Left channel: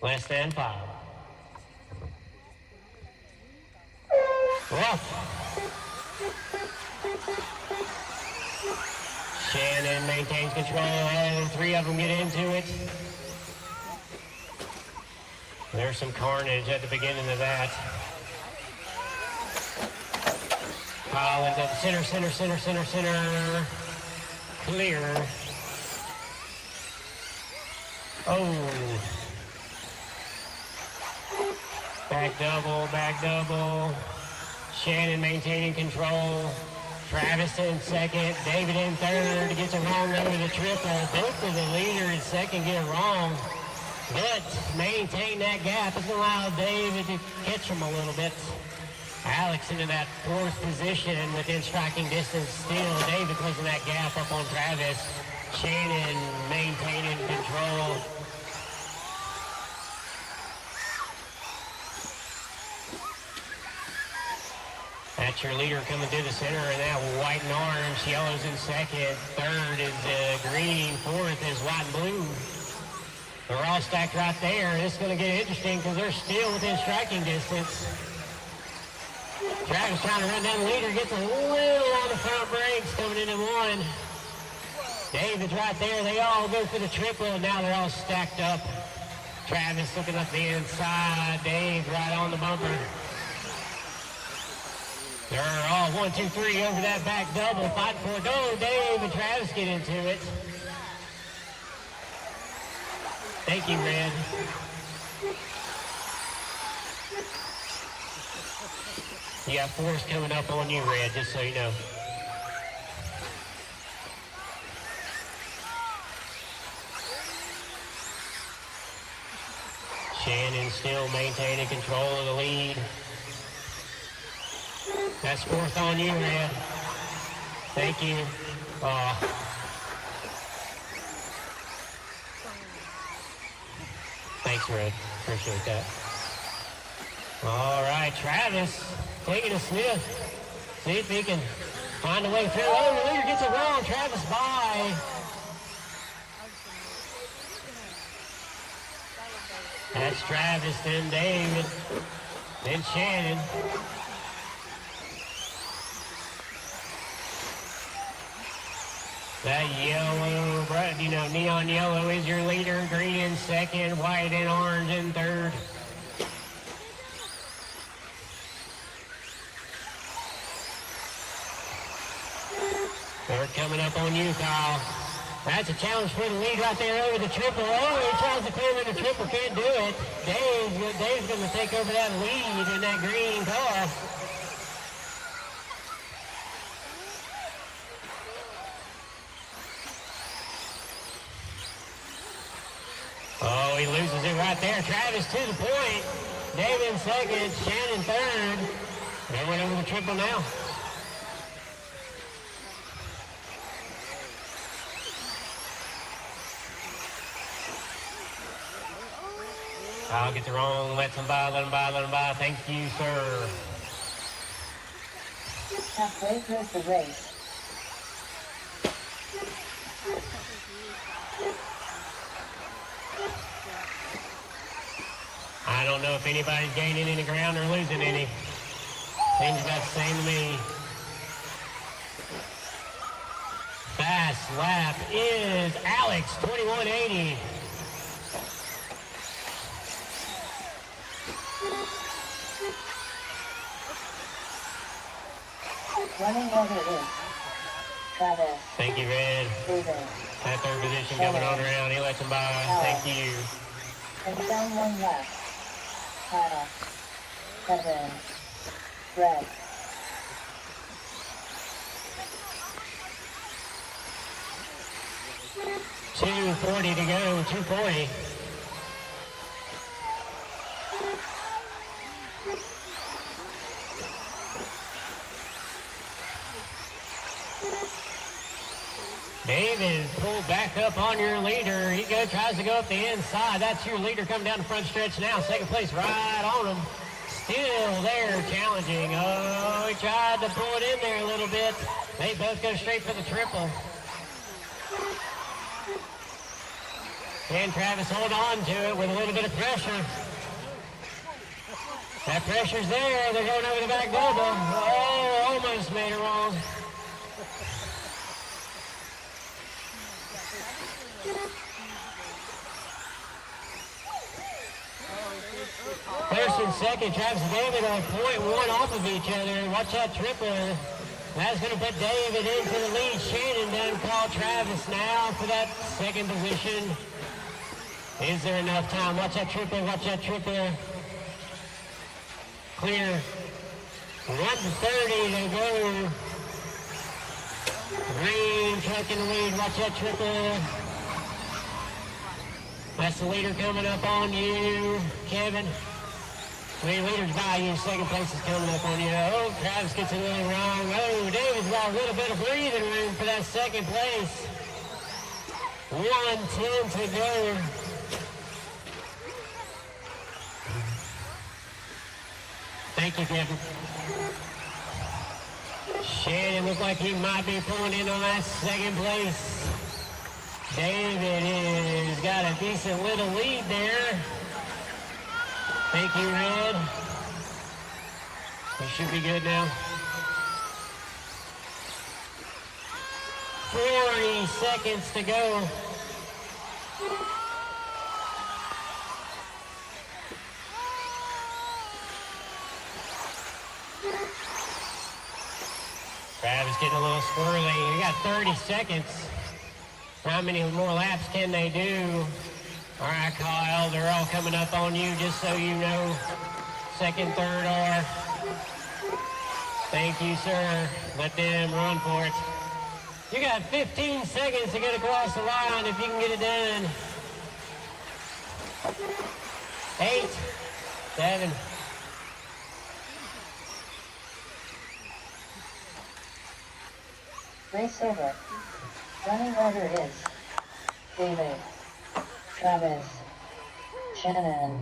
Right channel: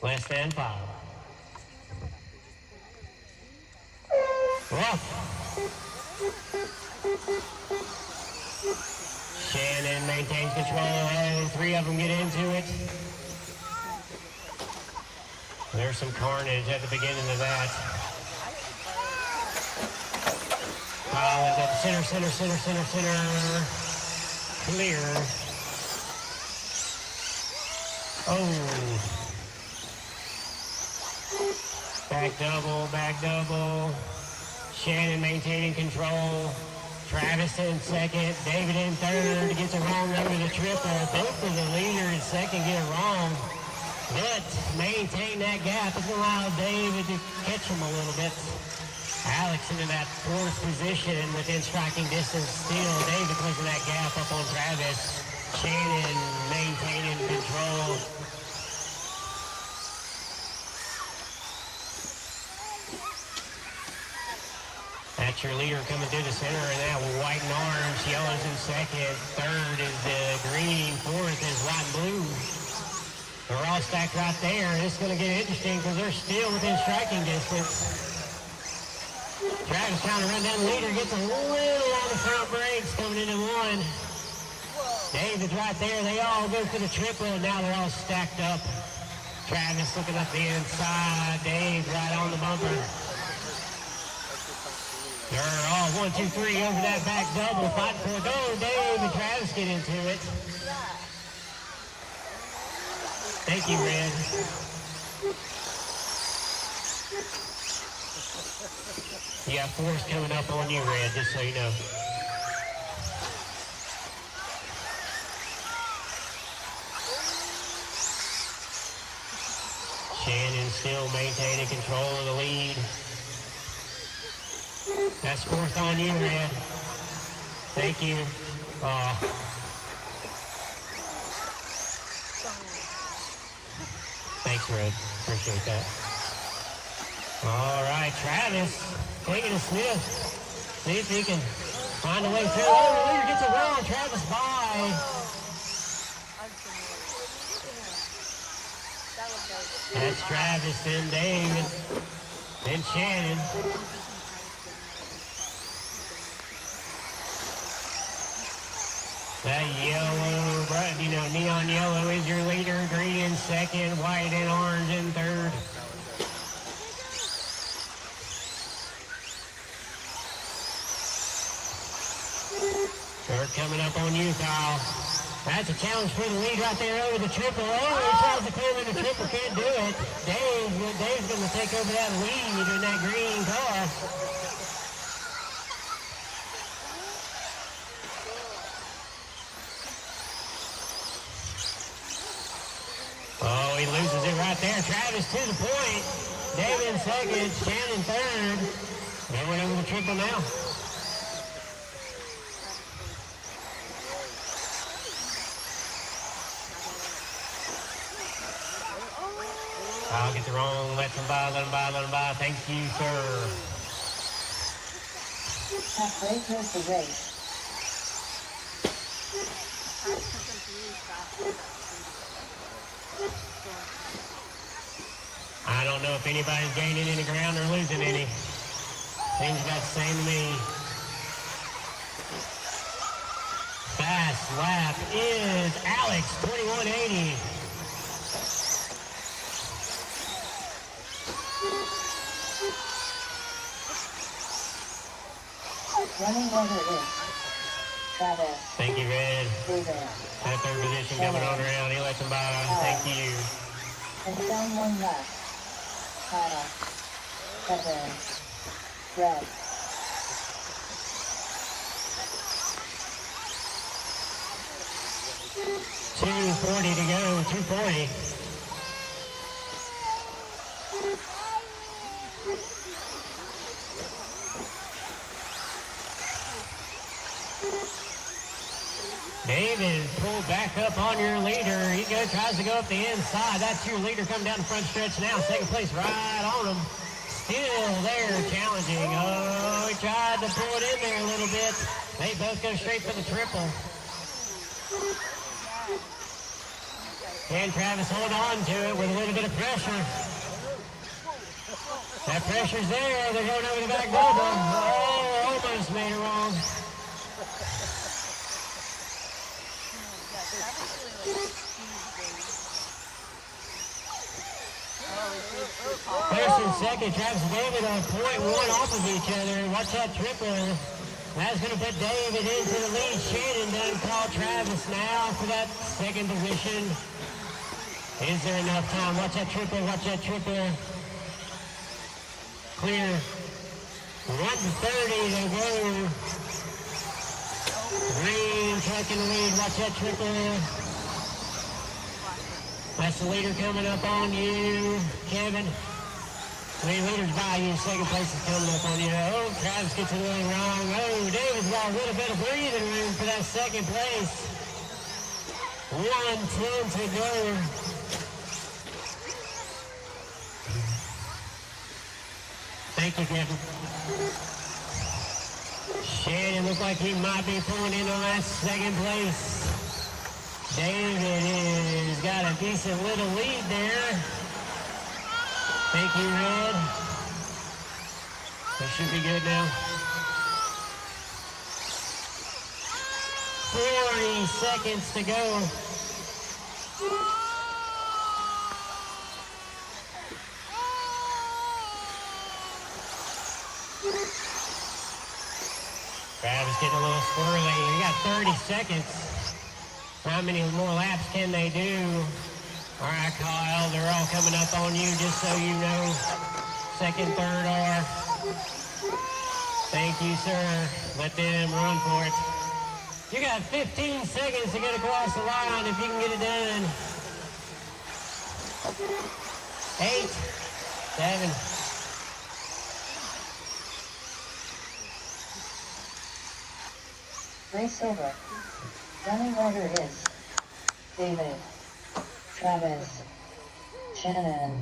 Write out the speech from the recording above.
Less than 5. Ref. Shannon maintains control, and 3 of them get into it. There's some carnage at the beginning of that. Collins at center. Clear. Oh. Back double. Shannon maintaining control. Travis in second. David in third. Gets it wrong over the triple. Both for the leader in second get it wrong. But maintain that gap. It's going to allow David to catch him a little bit. Alex into that 4th position within striking distance still. David closing that gap up on Travis. Shannon maintaining control. That's your leader coming to the center of that white and orange. Yellow's in second. Third is green. 4th is white and blue. They're all stacked right there. It's going to get interesting because they're still within striking distance. Travis trying to run down the leader. Gets a little out of front brakes coming into one. David's right there. They all go for the triple. Now they're all stacked up. Travis looking up the inside. Dave right on the bumper. They're all 1, 2, 3 over that back double. Fighting for a goal. Dave and Travis get into it. Thank you, Red. You got 4s coming up on you, Red, just so you know. Shannon still maintaining control of the lead. That's 4th on you, Red. Thank you. Thanks, Red. Appreciate that. All right, Travis taking a sniff. See if he can find a way through. Oh, the leader gets it wrong. Travis by. That's Travis, then David, then Shannon. That yellow, neon yellow is your leader. Green in second, white and orange in third. They're coming up on you, Kyle. That's a challenge for the lead right there over the triple. Oh, he tries to clear in the triple, can't do it. Dave's going to take over that lead in that green car. Oh, he loses it right there. Travis to the point. David in second, Shannon third. Going over the triple now. I'll get the roll. Let them by. Thank you, sir. Halfway through the race. I don't know if anybody's gaining any ground or losing any. Seems about the same to me. Fast lap is Alex, 2180. Running down the race. Travis. Thank you, Red. That 3rd position coming on around. He lets him by. Thank you. And down 1 lap. Travis. Kevin. Red. $240 to go. 240. David pulled back up on your leader. He tries to go up the inside. That's your leader coming down the front stretch now. Second place right on him. Still there challenging. Oh, he tried to throw it in there a little bit. They both go straight for the triple. Can Travis hold on to it with a little bit of pressure? That pressure's there. They're going over the back double. Oh, almost made it wrong. First and second, Travis and David are 0.1 off of each other. Watch that triple. That's going to put David into the lead. Shannon doesn't call Travis now for that second position. Is there enough time? Watch that triple. Watch that triple. Clear. 1:30 to go. Rain trucking the lead. Watch that triple. That's the leader coming up on you, Kevin. Leader's by you. Second place is coming up on you. Oh, Travis gets a little wrong. Oh, David's got a little bit of breathing room for that second place. 1:10 to go. Thank you, Kevin. Shannon looks like he might be pulling in on that second place. David has got a decent little lead there. Thank you, Red. It should be good now. 40 seconds to go. Travis getting a little squirrely. We got 30 seconds. How many more laps can they do? All right, Kyle, they're all coming up on you, just so you know. Second, third are. Thank you, sir. Let them run for it. You got 15 seconds to get across the line if you can get it done. 8, 7. Race over. Running rider is David, Travis, Shannon.